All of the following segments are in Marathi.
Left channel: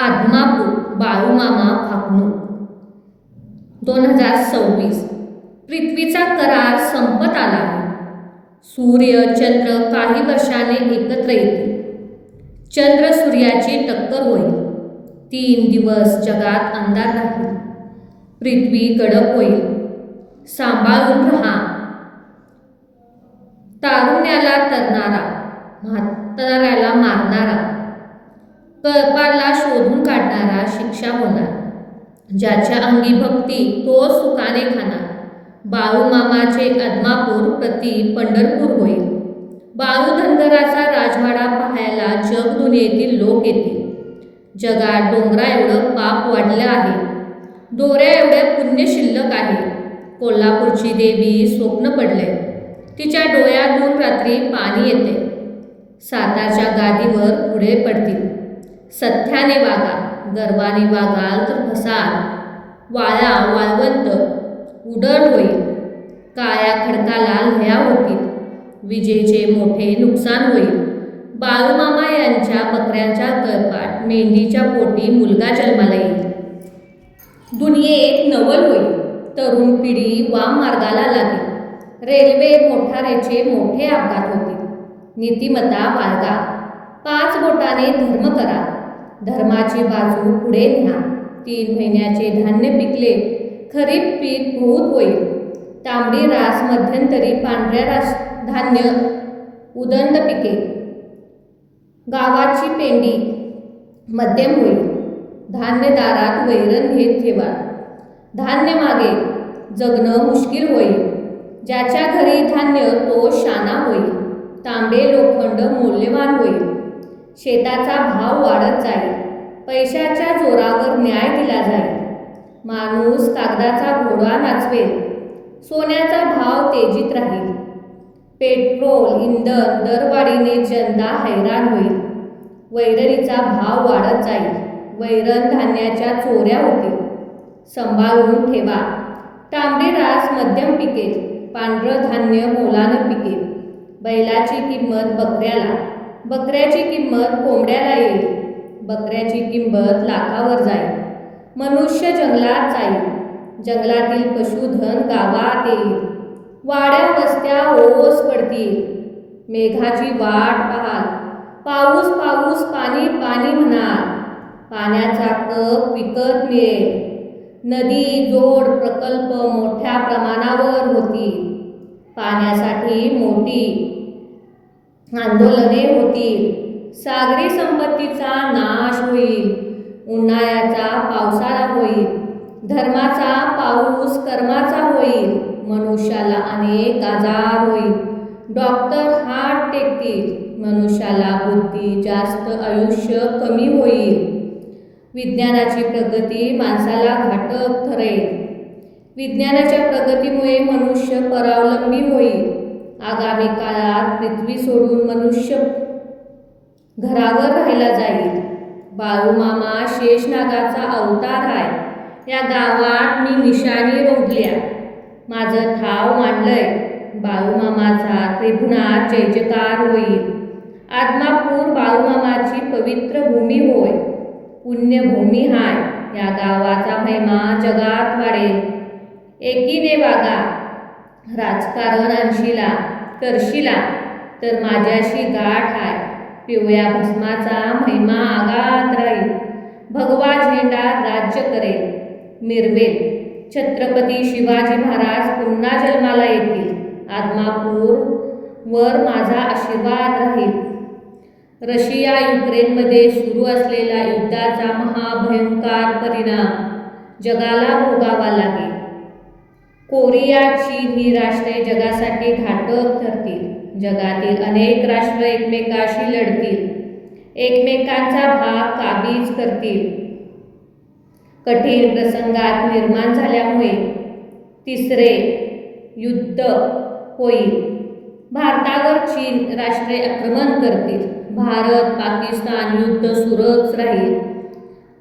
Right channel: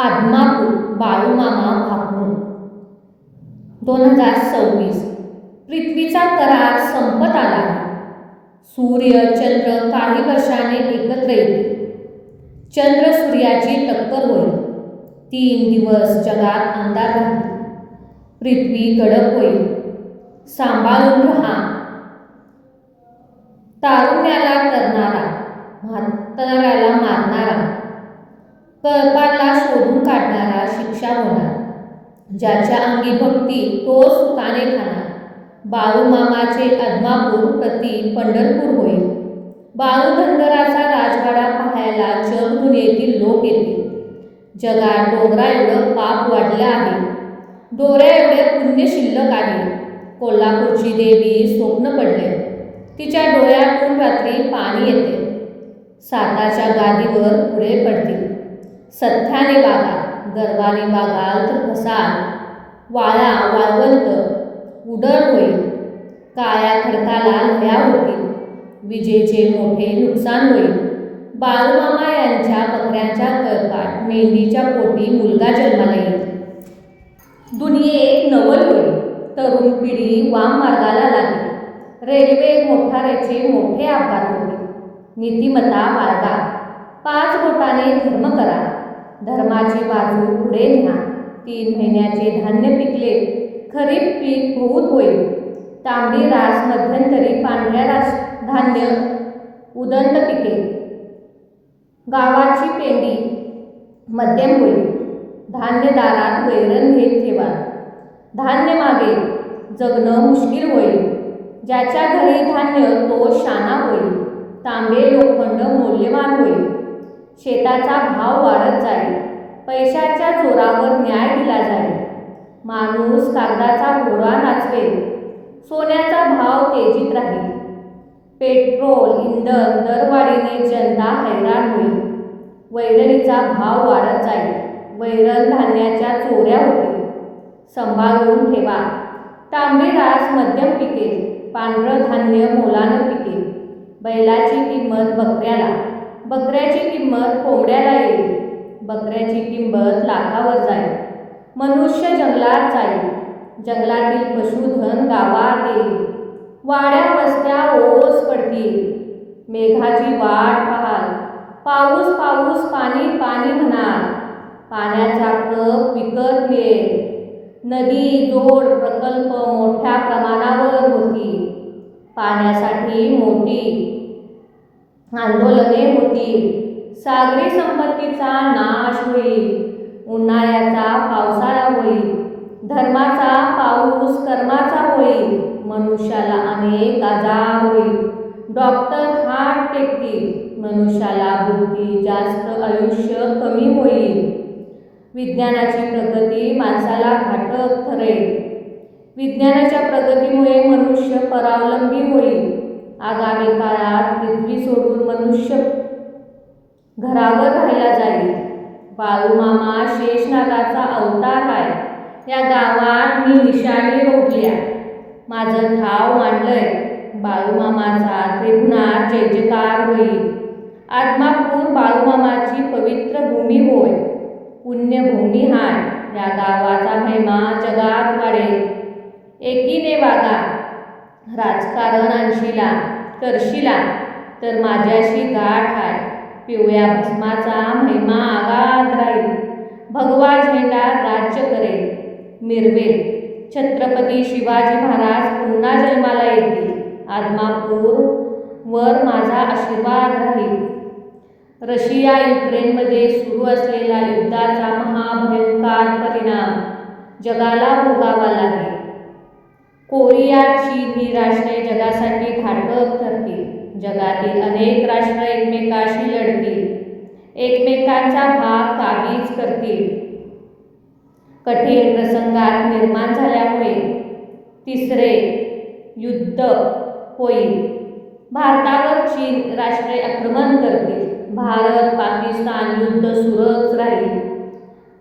आदमापूर बाळूमामा फाकणूक 2026. पृथ्वीचा करार संपत आला आहे. सूर्य चंद्र काही वर्षाने एकत्र येतील. चंद्र सूर्याची टक्कर होईल. 3 दिवस जगात अंधार राहील. पृथ्वी कडक होईल. सांभाळून राहा. तारुण्याला तरणारा, म्हाताऱ्याला मारणारा, कळपाला शोधून काढणारा शिक्षा होणार. ज्याच्या अंगी भक्ती तो सुखाने खाणार. बाळूमामाचे आदमापूर प्रति पंढरपूर होईल. बाळू धनगराचा राजवाडा पाहायला जगदुनियेतील लोक येतील. जगात डोंगरा एवढं पाप वाढलं आहे. दोऱ्या एवढे पुण्य शिल्लक आहे. कोल्हापूरची देवी स्वप्न पडले. तिच्या डोळ्यातून रात्री पाणी येते. सातारच्या गादीवर पुढे पडतील. सथ्याने वागा. गर्वाने वागाल तर फसाल. वाळा वाळवंत उडण होईल. काळ्या खडकाला लह्या होतील. विजेचे मोठे नुकसान होईल. बाळूमामा यांच्या बकऱ्यांच्या कळपात मेंढीच्या पोटी मुलगा जन्माला येईल. दुनियेत नवल होईल. तरुण पिढी वाम मार्गाला लागेल. रेल्वे मोटारीचे मोठे अपघात होतील. नीतिमत्ता बाळगा. 5 बोटाने धर्म करा. धर्माची बाजू पुढे न्या. 3 महिन्याचे धान्य पिकले. खरीप पीक बहुत होईल. तांबडी रास मध्यंतरी पांढऱ्या रास धान्य उदंड पिकेल. गावाची पेंडी मध्यम होईल. धान्य दारात वैरण घेत ठेवा. धान्य मागे जगणं मुश्किल होईल. ज्याच्या घरी धान्य तो शाना होईल. तांबे लोखंड मौल्यवान होईल. शेताचा भाव वाढत जाईल. पैशाच्या जोरावर न्याय दिला जाईल. माणूस कागदाचा घोडा नाचवेल. सोन्याचा भाव तेजीत राहील. पेट्रोल इंधन दरवाढीने जनता हैराण होईल. वैरणीचा भाव वाढत जाईल. वैरण धान्याच्या चोऱ्या होतील. सांभाळून ठेवा. तांबडी रास मध्यम पिकेल. पांढरं धान्य मोलानं पिकेल. बैलाची किंमत बकऱ्याला. बकऱ्याची किंमत कोंबड्याला येईल. बकऱ्याची किंमत लाखावर जाईल. मनुष्य जंगलात जाईल. जंगलातील पशुधन गावात येईल. वाड्या वस्त्या ओस पडतील. मेघाची वाट पाहाल. पाऊस पाऊस पाणी पाणी म्हणाल. पाण्याचा कप विकत मिळेल. नदी जोड प्रकल्प मोठ्या प्रमाणावर होतील. पाण्यासाठी मोठी आंदोलने होतील. सागरी संपत्तीचा नाश होईल. उन्हाळ्याचा पावसाळा होईल. धर्माचा पाऊस कर्माचा होईल. मनुष्याला अनेक आजार होईल. डॉक्टर हात टेकतील. मनुष्याला बुद्धी जास्त आयुष्य कमी होईल. विज्ञानाची प्रगती माणसाला घातक ठरेल. विज्ञानाच्या प्रगतीमुळे मनुष्य परावलंबी होईल. आगामी काळात पृथ्वी सोडून मनुष्य घरावर राहायला जाईल. बाळूमामा शेषनागाचा अवतार आहे. या गावात मी निशाणी रोवल्या. माझं ठाव मांडलंय. बाळूमामाचा त्रिभुवनात जय जयकार होईल. आदमापूर बाळूमामाची पवित्र भूमी होय. पुण्यभूमी हाय. या गावाचा महिमा जगात वाढेल. एकीने वागा. राजकारण आणशीला करशीला तर माझ्याशी गाठ हाय. पिवळ्या भस्माचा महिमा आगात राहील. भगवा झेंडा राज्य करेल. मिरवेल. छत्रपती शिवाजी महाराज पुन्हा जन्माला येतील. आदमापूर वर माझा आशीर्वाद राहील. रशिया युक्रेनमध्ये सुरू असलेला युद्धाचा महाभयंकर परिणाम जगाला भोगावा लागेल. कोरिया चीन ही राष्ट्रे जगासाठी घातक ठरतील. जगातील अनेक राष्ट्र एकमेकाशी लढतील. एकमेकांचा भाग काबीज करतील. कठीण प्रसंगात निर्माण झाल्यामुळे 3रे युद्ध होईल. भारतावर चीन राष्ट्रे आक्रमण करतील. भारत पाकिस्तान युद्ध सुरूच राहील.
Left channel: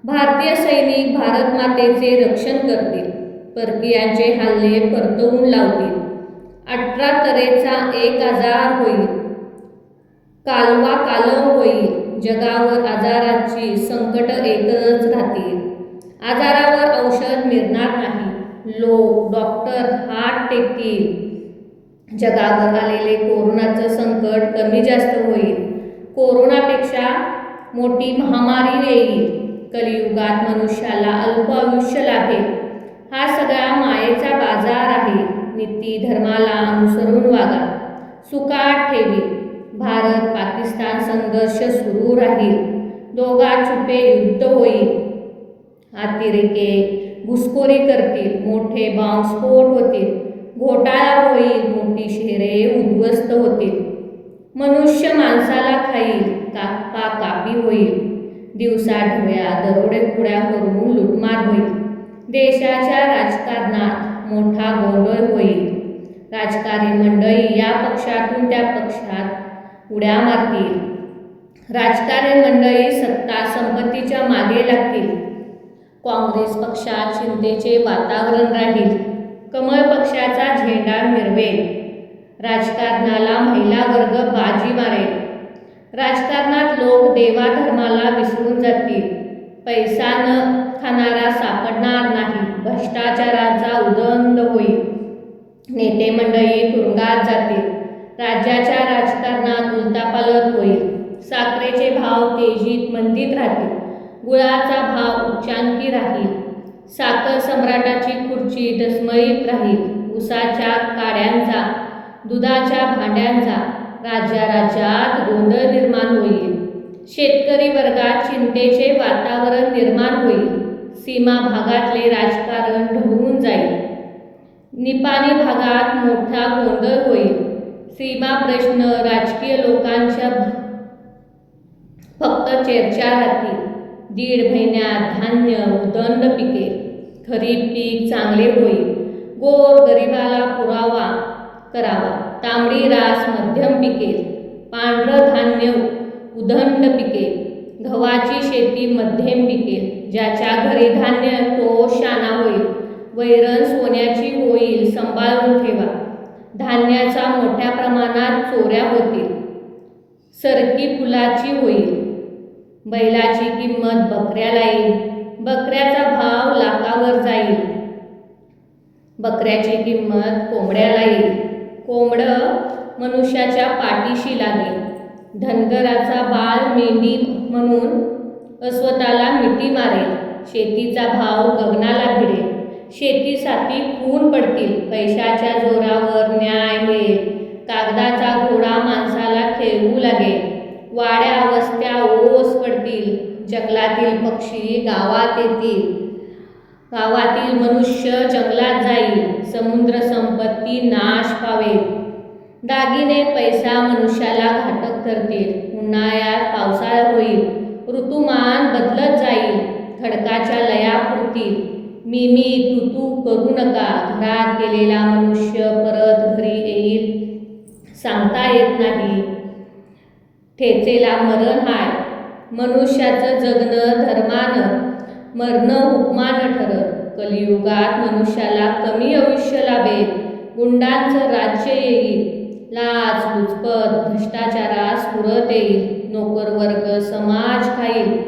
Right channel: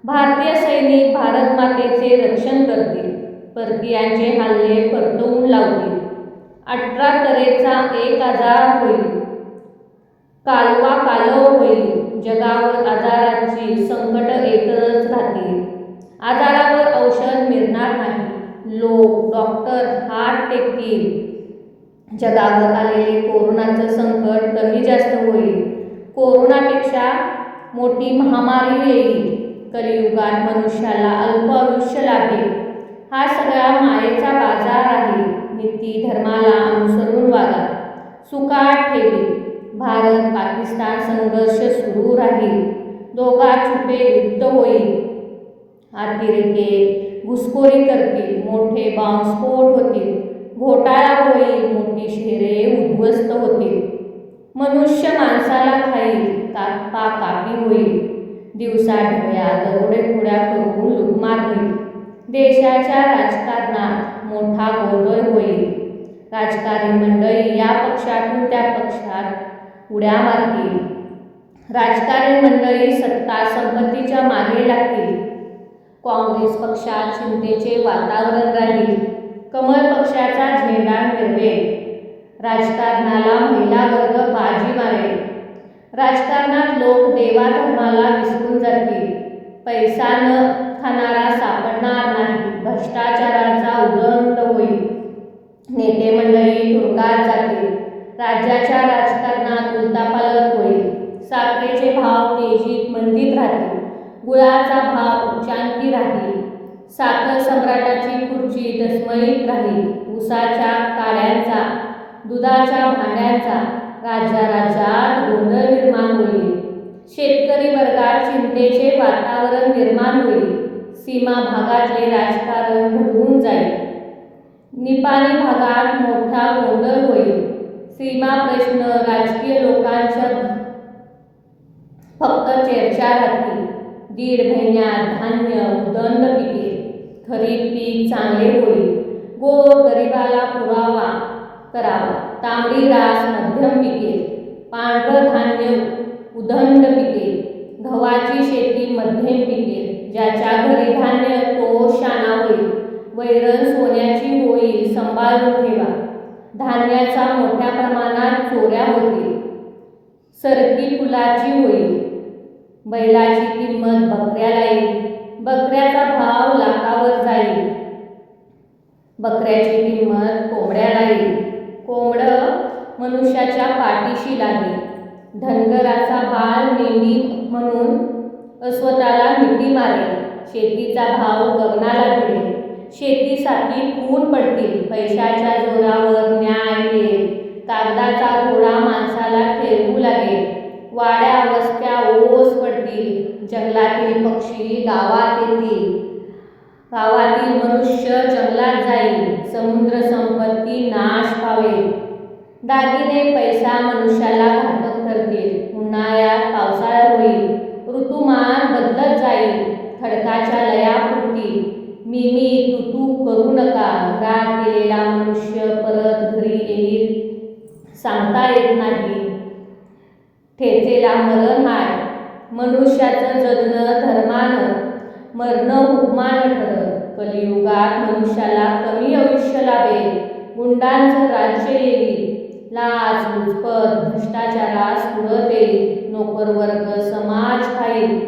भारतीय सैनिक भारत मातेचे रक्षण करतील. परकीयांचे हल्ले परतवून लावतील. 18 तऱ्हेचा एक आजार होईल. कालवा कालव होईल. जगावर आजाराची संकट येतच राहतील. आजारावर औषध मिळणार नाही. लोक डॉक्टर हात टेकतील. जगावर आलेले कोरोनाचं संकट कमी जास्त होईल. कोरोनापेक्षा मोठी महामारी येईल. कलियुगात मनुष्याला अल्प आयुष्य लाभेल. हा सगळा मायेचा बाजार आहे. नीती धर्माला अनुसरून वागा. सुखात ठेवी. भारत पाकिस्तान संघर्ष सुरू राहील. दोघात छुपे युद्ध होईल. अतिरेके घुसखोरी करतील. मोठे बॉम्बस्फोट होतील. घोटाळा होईल. मोठी शहरे उद्ध्वस्त होतील. मनुष्य माणसाला खाईल. कापाकापी होईल. दिवसाढवळ्या दरोडेखोऱ्या करून लुटमार होईल. देशाच्या राजकारणात मोठा गोंधळ होईल. राजकारणी मंडळी या पक्षातून त्या पक्षात उड्या मारतील. राजकारणी मंडळी सत्ता संपत्तीच्या मागे लागतील. काँग्रेस पक्षात चिंतेचे वातावरण राहील. कमळ पक्षाचा झेंडा मिरवेल. राजकारणाला महिला वर्ग बाजी मारेल. राजकारणात लोक देवाधर्माला विसरून जातील. पैसा न खाणारा सापडणार नाही. भ्रष्टाचाराचा उदंड होईल. नेते मंडळी तुरुंगात जातील. राज्याच्या राजकारणात उलथापालथ होईल. साखरेचे भाव तेजीत मंदीत राहतील. गुळाचा भाव उच्चांकी राहील. साखर सम्राटाची खुर्ची डसमळीत राहील. उसाच्या काड्यांचा, दुधाच्या भांड्यांचा राज्यात गोंधळ निर्माण होईल. शेतकरी वर्गात चिंतेचे वातावरण निर्माण होईल. सीमा भागातले राजकारण ढळून जाईल. निपाणी भागात मोठा गोंधळ होईल. सीमा प्रश्न राजकीय लोकांच्या फक्त चर्चा राहतील. 1.5 महिन्यात धान्य उदंड पिकेल. खरीप पीक चांगले होईल. गोर गरिबाला पुरावा करावा. तांबडी रास मध्यम पिकेल. पांढरं धान्य उदंड पिकेल. गव्हाची शेती मध्यम पिकेल. ज्याच्या घरी धान्य तो शाना होईल. वैरण सोन्याची होईल. सांभाळून ठेवा. धान्याचा मोठ्या प्रमाणात चोऱ्या होतील. सरकी फुलाची होईल. बैलाची किंमत बकऱ्याला येईल. बकऱ्याचा भाव लाखावर जाईल. बकऱ्याची किंमत कोंबड्याला येईल. कोंबडं मनुष्याच्या पाठीशी लागेल. धनगराचा बाळ मेंढी म्हणून स्वतःला मिठी मारेल. शेतीचा भाव गगनाला भिडेल. शेतीसाठी खून पडतील. पैशाच्या जोरावर न्याय मिळेल. कागदाचा घोडा माणसाला खेळवू लागेल. वाड्या वस्त्या ओस पडतील. जंगलातील पक्षी गावात येतील. गावातील मनुष्य जंगलात जाईल. समुद्र संपत्ती नाश पावेल. दागिने पैसा मनुष्याला घातक ठरतील. उन्हाळ्यात पावसाळा होईल. ऋतुमान बदलत जाईल. खडकाच्या लया फुटतील. मी तू करू नका. घरात गेलेला मनुष्य परत घरी येईल सांगता येत नाही. ठेचेला मरण हाय. मनुष्याचं जगणं धर्मानं, मरणं हुकमानं ठरत. कलियुगात मनुष्याला कमी आयुष्य लाभेल. गुंडांचं राज्य येईल. लाच लुचपत भ्रष्टाचारास पुरत येईल. नोकरवर्ग समाज खाईल.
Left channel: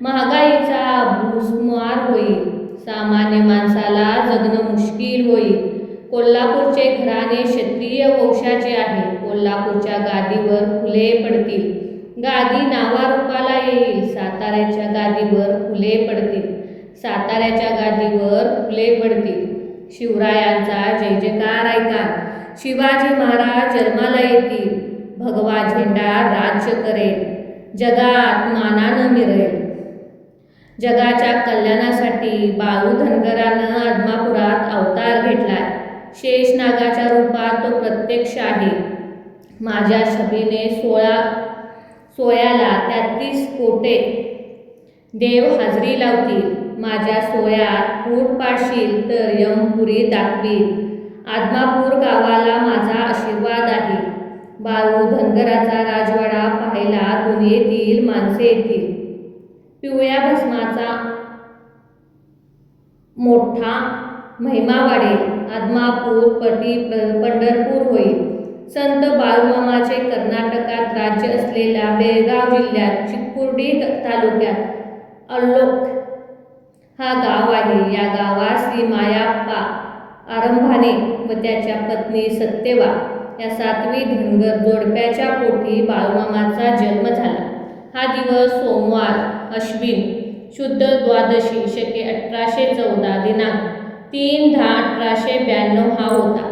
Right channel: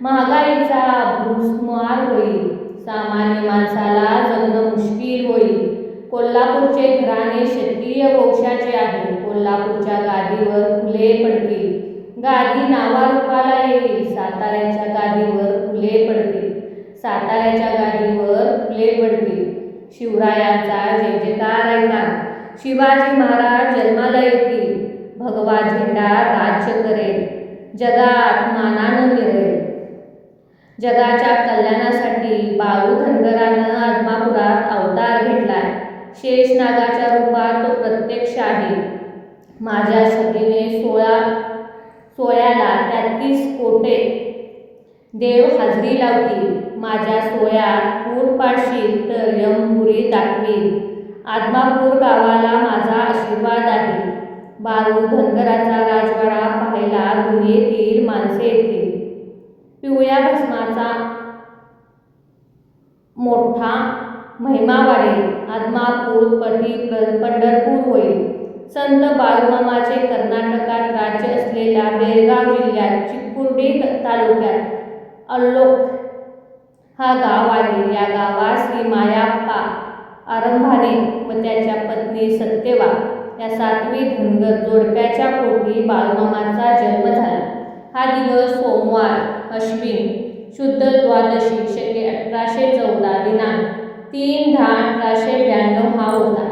महागाईचा भूसमार होईल. सामान्य माणसाला जगणं मुश्किल होईल. कोल्हापूरचे घराणे क्षत्रिय वंशाचे आहे. कोल्हापूरच्या गादीवर फुले पडतील. गादी नावारूपाला येईल. साताऱ्याच्या गादीवर फुले पडतील. साताऱ्याच्या गादीवर फुले पडतील. शिवरायांचा जय जयकार ऐका. शिवाजी महाराज जन्माला येतील. भगवा झेंडा राज्य करेल. जगात मानानं मिळेल. जगाच्या कल्याणासाठी बाळू धनगरानं आदमापुरात अवतार घेतलाय. शेषनागाच्या रूपात तो प्रत्यक्ष आहे. माझ्या सभेने सोयाला 33 कोटे देव हाजरी लावतील. माझ्या सोयात फूट पाडशील तर यमपुरी दाखवील. आदमापूर गावाला माझा आशीर्वाद आहे. बाळू धनगराचा राजवाडा पाहायला दुनियेतील माणसे येतील. पिवळ्या भस्माचा मोठा महिमा वाढेल. आदमापूर पंढरपूर होईल. संत बाळूमामाचे कर्नाटकात राज्य असलेल्या बेळगाव जिल्ह्यात चिक्कुर्डी तालुक्यात अल्लोक हा गाव आहे. या गावात श्री मायाप्पा आरंभाने व त्याच्या पत्नी सत्यवा या 7वी धनगर जोडप्याच्या पोटी बाळूमामाचा जन्म झाला. हा दिवस सोमवार अश्विन शुद्ध द्वादशी शके 1814 दिनांक 3/10/1892 हा होता.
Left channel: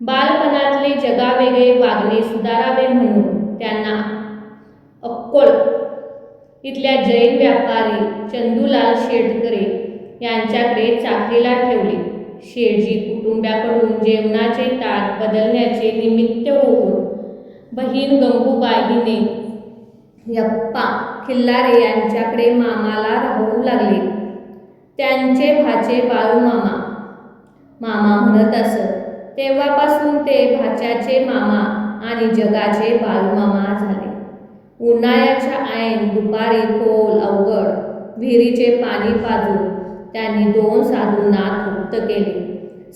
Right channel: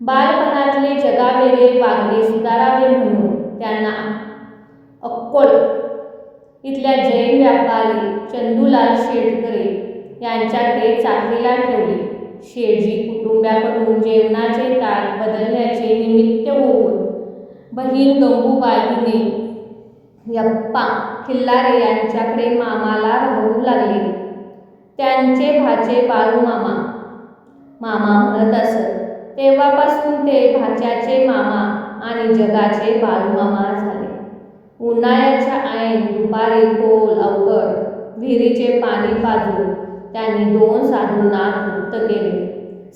बालपणातले जगावेगळे वागणे सुधारावे म्हणून त्यांना अक्कोळ इथल्या जैन व्यापारी चंदूलाल शेटकरे यांच्याकडे चाकरीला ठेवले. शेटजी कुटुंबाकडून जेवणाचे ताट बदलण्याचे निमित्त होऊन बहीण गंगूबाई हिने यप्पा खिल्लारे यांच्याकडे मामाला राहू लागले. त्यांचे भाचे बाळूमामा मामा म्हणत असत. तेव्हापासून ते भाच्याचे मामा आणि जगाचे बाळूमामा झाले. उन्हाळ्याच्या ऐन दुपारी खोल अवघड विहिरीचे पाणी पाजून त्यांनी 2 साधूंना तृप्त केले.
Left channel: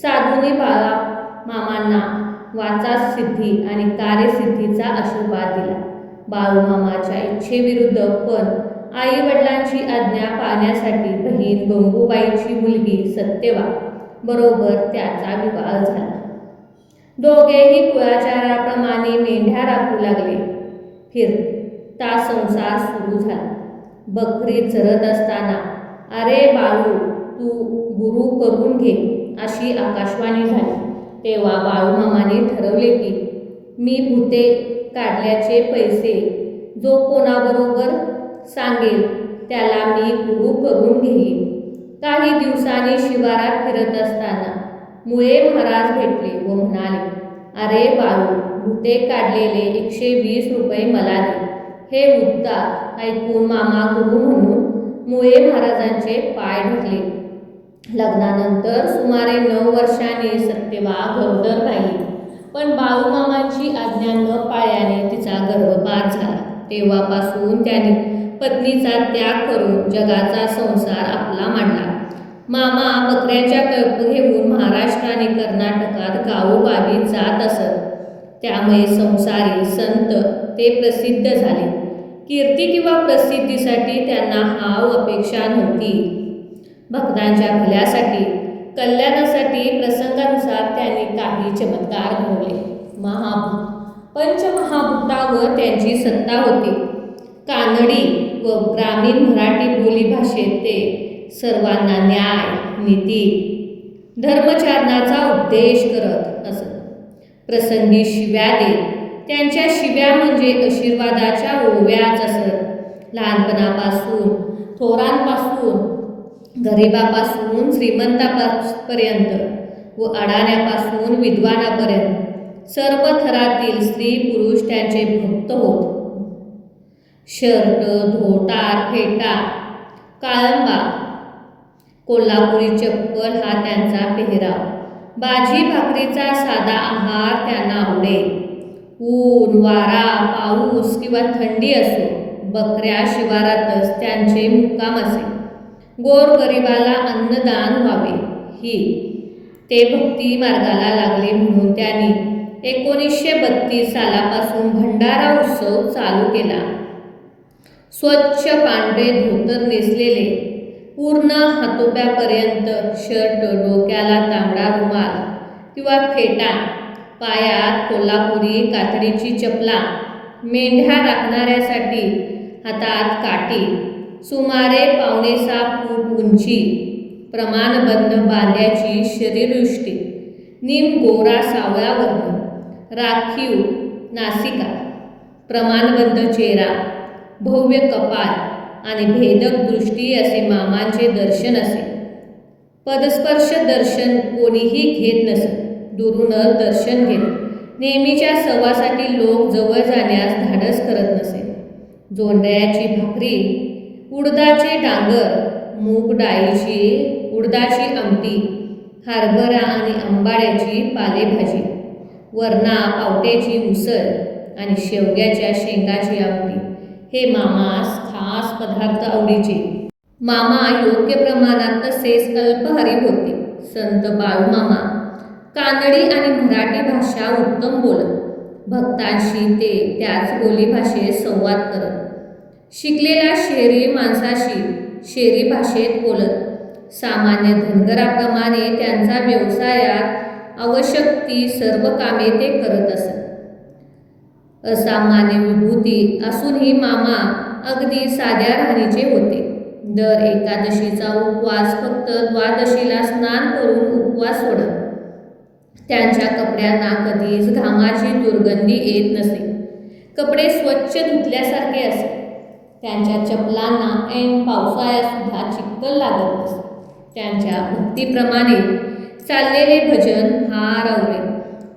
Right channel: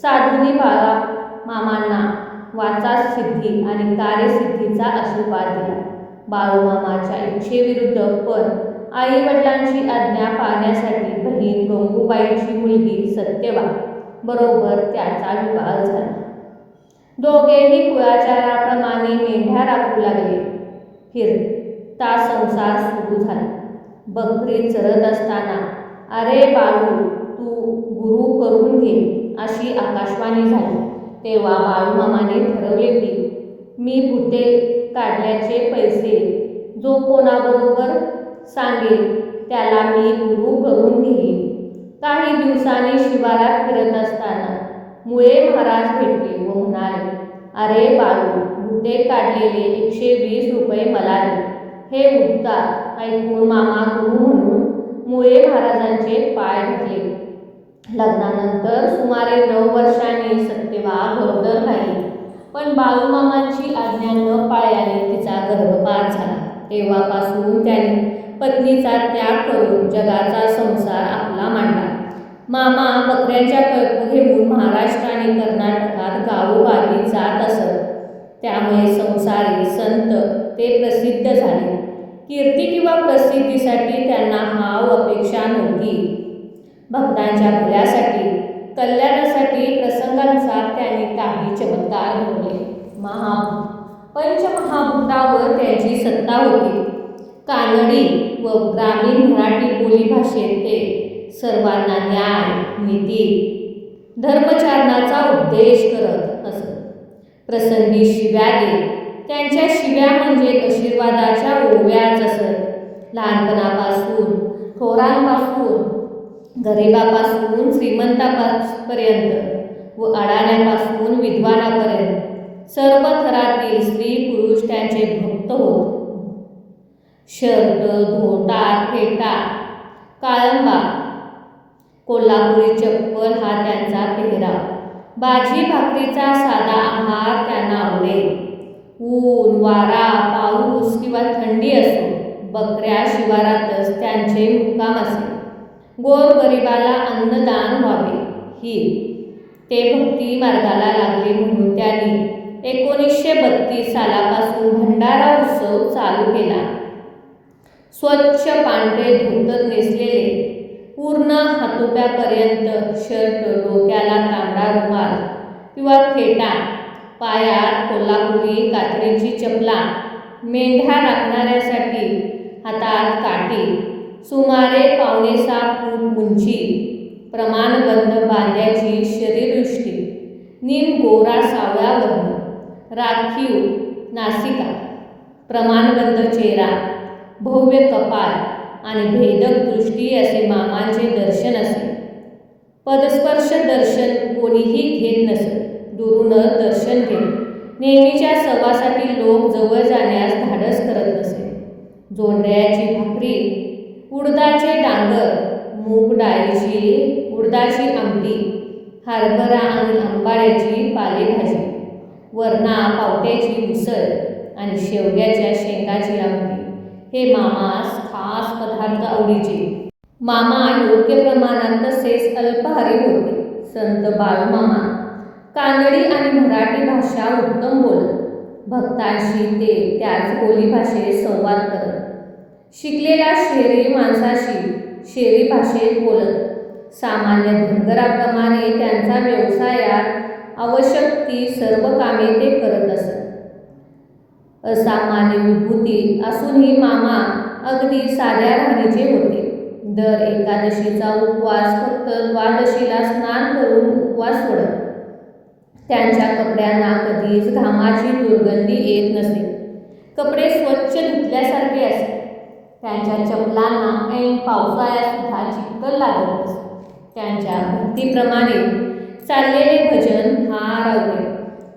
साधूंनी बाळूमामांना वाचासिद्धी आणि कार्यसिद्धीचा आशीर्वाद दिला. बाळूमामाच्या इच्छेविरुद्ध पण आई-वडिलांची आज्ञा पाळण्यासाठी बहीण गंगूबाईची मुलगी सत्यवा बरोबर त्याचा विवाह झाला. दोघेही कुळाचाराप्रमाणे मेंढ्या राखू लागले. फिरता संसार सुरू झाला. बकरी चरत असताना "अरे बाळू, तू गुरु करून घे" अशी आकाशवाणी झाली. तेव्हा बाळूमामाने ठरवले की मी भुते काढल्याचे पैसे जो कोणाबरोबर सांगेल त्याला मी गुरु करून घेईन. काही दिवसांनी शिवारात फिरत असताना मुळे महाराज भेटले व म्हणाले, "अरे बाळू, भुते काढलेले 120 रुपये मला दे." हे उद्गार ऐकून मामा गुरु म्हणून मुळे महाराजांचे पाय धरले. लग्नानंतर सुमारे 9 वर्षांनी सत्यवा गरोदर राहिली. पण बाळूमामांची आज्ञा न पाळल्याने तिचा गर्भपात झाला. तेव्हापासून त्याने पत्नीचा त्याग करून जगाचा संसार आपला मांडला. मामा बकऱ्याच्या कळप घेऊन महाराष्ट्र आणि कर्नाटकात गावोगावी जात असत. त्यामुळे संसारी संत ते प्रसिद्ध झाले. कीर्ती किंवा प्रसिद्धीसाठी त्यांना हाव अपेक्षा नव्हती. भक्तांच्या भल्यासाठी कल्याणासाठी प्रसंगानुसार त्यांनी काही चमत्कार घडवले. पंचमहाभूतावर त्यांची सत्ता होती. कानडी व ग्रामीण मराठी बोलीभाषेत ते सर्वांना न्याय, नीती, धर्मचारणाचा उपदेश करत असत. प्रसंगी शिव्या देत. त्यांच्या शिव्या म्हणजे आशीर्वादाच्या ओव्याच असत. लहानपणापासून थोरांपासून गरिबापासून श्रीमंतापर्यंत व अडाण्यापासून विद्वानापर्यंत सर्व थरातील स्त्री पुरुष त्यांचे भक्त होत. शर्ट, धोटार, फेटा, काळंबा, कोल्हापुरी चप्पल हा त्यांचा पेहराव. भाजी भाकरीचा साधा आहार त्यांना आवडे. ऊन, वारा, पाऊस किंवा थंडी असो, बकऱ्या शिवारातच त्यांचे मुक्काम असे. गोरगरिबाला अन्नदान व्हावे ही ते भक्ती मार्गाला लागले म्हणून त्यांनी 1932 सालापासून भंडारा उत्सव चालू केला. स्वच्छ पांढरे धोतर नेसलेले, पूर्ण हातोप्यापर्यंत शर्ट, डोक्याला तांबडा रुमाल किंवा फेटा, पायात कोल्हापुरी कातडीची चपला, मेंढ्या राखणाऱ्यासाठी हातात काठी, सुमारे 5.6 फूट उंची, प्रमाणबंद बांध्याची शरीरयष्टी, निमगोरा सावळा वर्ण, राखीव नासिका, प्रमाणबंद चेहरा, भव्य कपाळ आणि भेदक दृष्टी असे मामांचे दर्शन असे. पदस्पर्श दर्शन कोणीही घेत नसत. दुरूनच दर्शन घेत. नेहमीच्या सहवासातील लोक जवळ जाण्यास धाडस करत नसे. जोंधळ्याची भाकरी, उडदाचे डांगर, मूग डाळीची उडदाची आमटी, हरभरा आणि आंबाड्याची पालेभाजी, वरणा पावट्याची उसळ आणि शेवग्याच्या शेंगाची आमटी हे मामास खास पदार्थ आवडीचे. मामा योग्य प्रमाणात तसेच अल्पाहारी होते. संत बाळूमामा कानडी आणि मराठी भाषा उत्तम बोलत. भक्तांशी ते त्याच बोलीभाषेत संवाद करत. शिकलेल्या शहरी माणसाशी शहरी भाषेत बोलत. सामान्य धनगराप्रमाणे त्यांचा व्यवसायात आवश्यक ती सर्व कामे ते करत असत. असामान्य विभूती असूनही मामा अगदी साध्या राहणीचे होते. दर एकादशीचा उपवास फक्त द्वादशीला स्नान करून उपवास सोडत. त्यांच्या कपड्यांना कधीच घामाची दुर्गंधी येत नसे. कपडे स्वच्छ धुतल्यासारखे असे. त्यांच्या चपलांना ऐन पावसाळ्यातसुद्धा चिखल लागत नसे. त्यांच्या भक्तीप्रमाणे चाललेले भजन हारवले.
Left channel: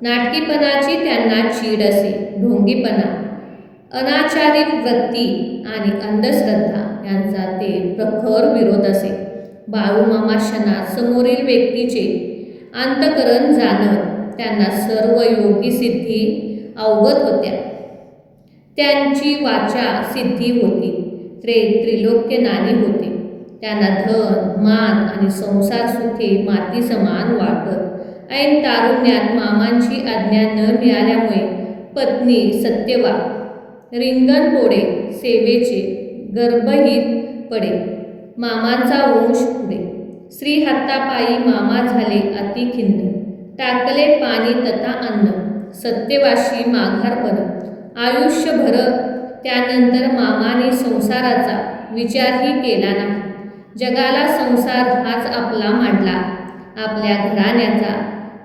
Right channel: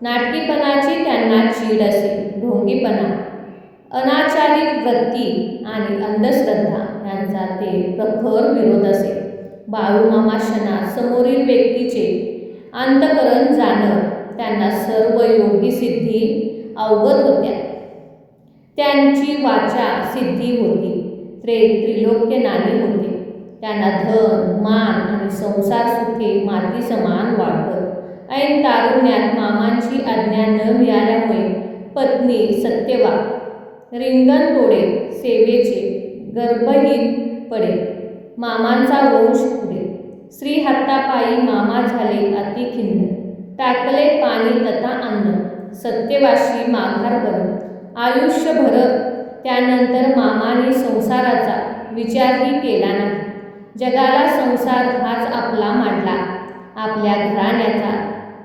नाटकीपणाची त्यांना चीड असे. ढोंगीपणा, अनाचारिक वृत्ती आणि अंधश्रद्धा यांचा ते प्रखर विरोध असे. बाळूमामा क्षणात समोरील व्यक्तीचे अंतःकरण जाणत. त्यांना सर्व योगी सिद्धी अवगत होत्या. त्यांची वाचा सिद्धी होती. त्रिलोक्य नाणी होते. त्यांना धन, मान आणि संसार सुखे माती समान वाटत. ऐन तारुण्यात मामांची आज्ञा न मिळाल्यामुळे पत्नी सत्यवा रिंगण तोडे सेवेचे गर्भहीत पडे. मामांचा वंश पुढे. श्री हातापायी मामा झाले अति खिन्न. टाकले पाणी तथा अन्न. सत्यवाशी माघार परत. आयुष्यभर त्यानंतर मामाने संसाराचा विचारही केला नाही. जगाला संसार हाच आपला मांडला. आपल्या घराण्याचा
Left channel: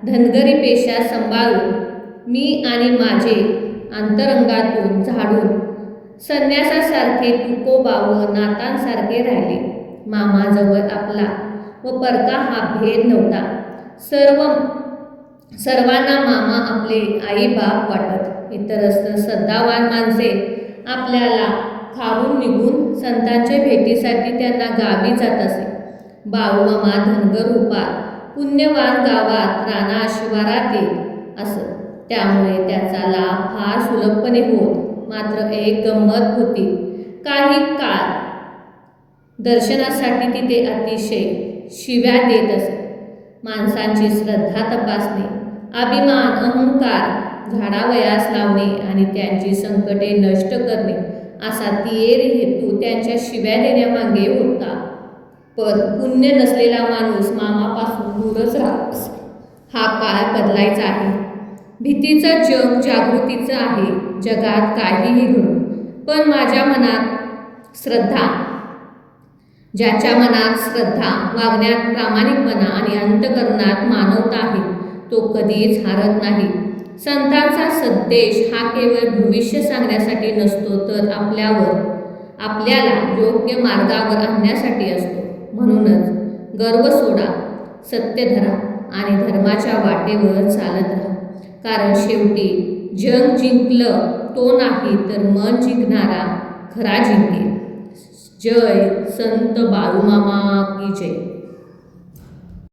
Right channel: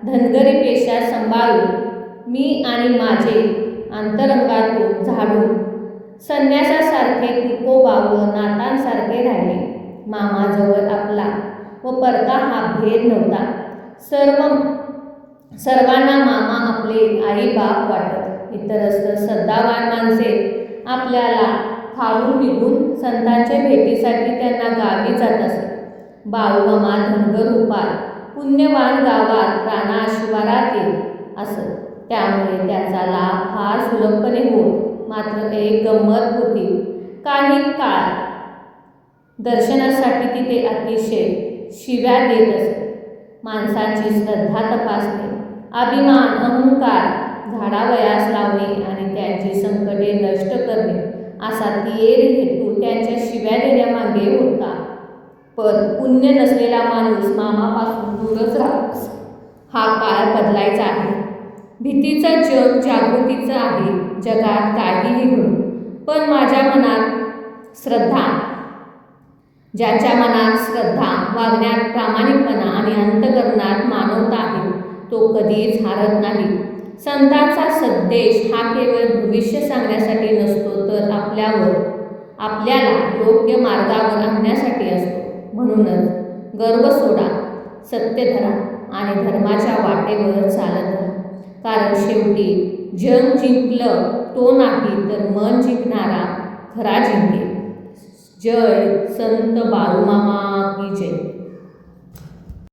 धनगरी पेशा सांभाळून मी आणि माझे अंतरंगातून झाडून संन्यासासारखे तुकोबा व नातांसारखे राहिले. मामाजवळ आपला व परका हा भेद नव्हता. सर्वांना मामा आपले आईबाप वाटत. इतरत्र श्रद्धावान माणसे आपल्याला खाऊन निघून संतांच्या भेटीसाठी त्यांना गावी जात असे. बाळूमामा धनगर रूपात पुण्यवान गावात राणा शिवारात येत असत. त्यामुळे त्याचा लाभ फार सुलभपणे होत. मात्र एक गंमत होती. काही काळ दर्शनासाठी तिथे अतिशय शिव्या देत असत. माणसांची श्रद्धा तपासणे, अभिमान अहंकार झाडावयास लावणे आणि त्यांची संकटे नष्ट करणे असा तिहेरी हेतू त्यांच्या शिव्या देण्यामागे होता. पण पुण्य नसलेला माणूस मामापासून दूरच राहत असे. हा काळ बदलायचा आहे. भीतीचं जग जागृतीचं आहे. जगात काहीही घडो, पण माझ्या मनात श्रद्धा. ज्याच्या मनात श्रद्धा, वागण्यात प्रामाणिकपणा आणि अंतःकरणात मानवता आहे, तो कधीच हारत नाही. संतांचा संदेश हा केवळ भविष्य सांगण्यासाठी नसतो, तर आपल्याला योग्य मार्गावर आणण्यासाठी असतो. म्हणूनच गर्व सोडा, सत्य धरा आणि धर्माच्या वाटेवर चालत राहा. कारण शेवटी जग जिंकलं तो नाही, तर मन जिंकणारा खरा जिंकेल. जय संत बाळूमामा की जय.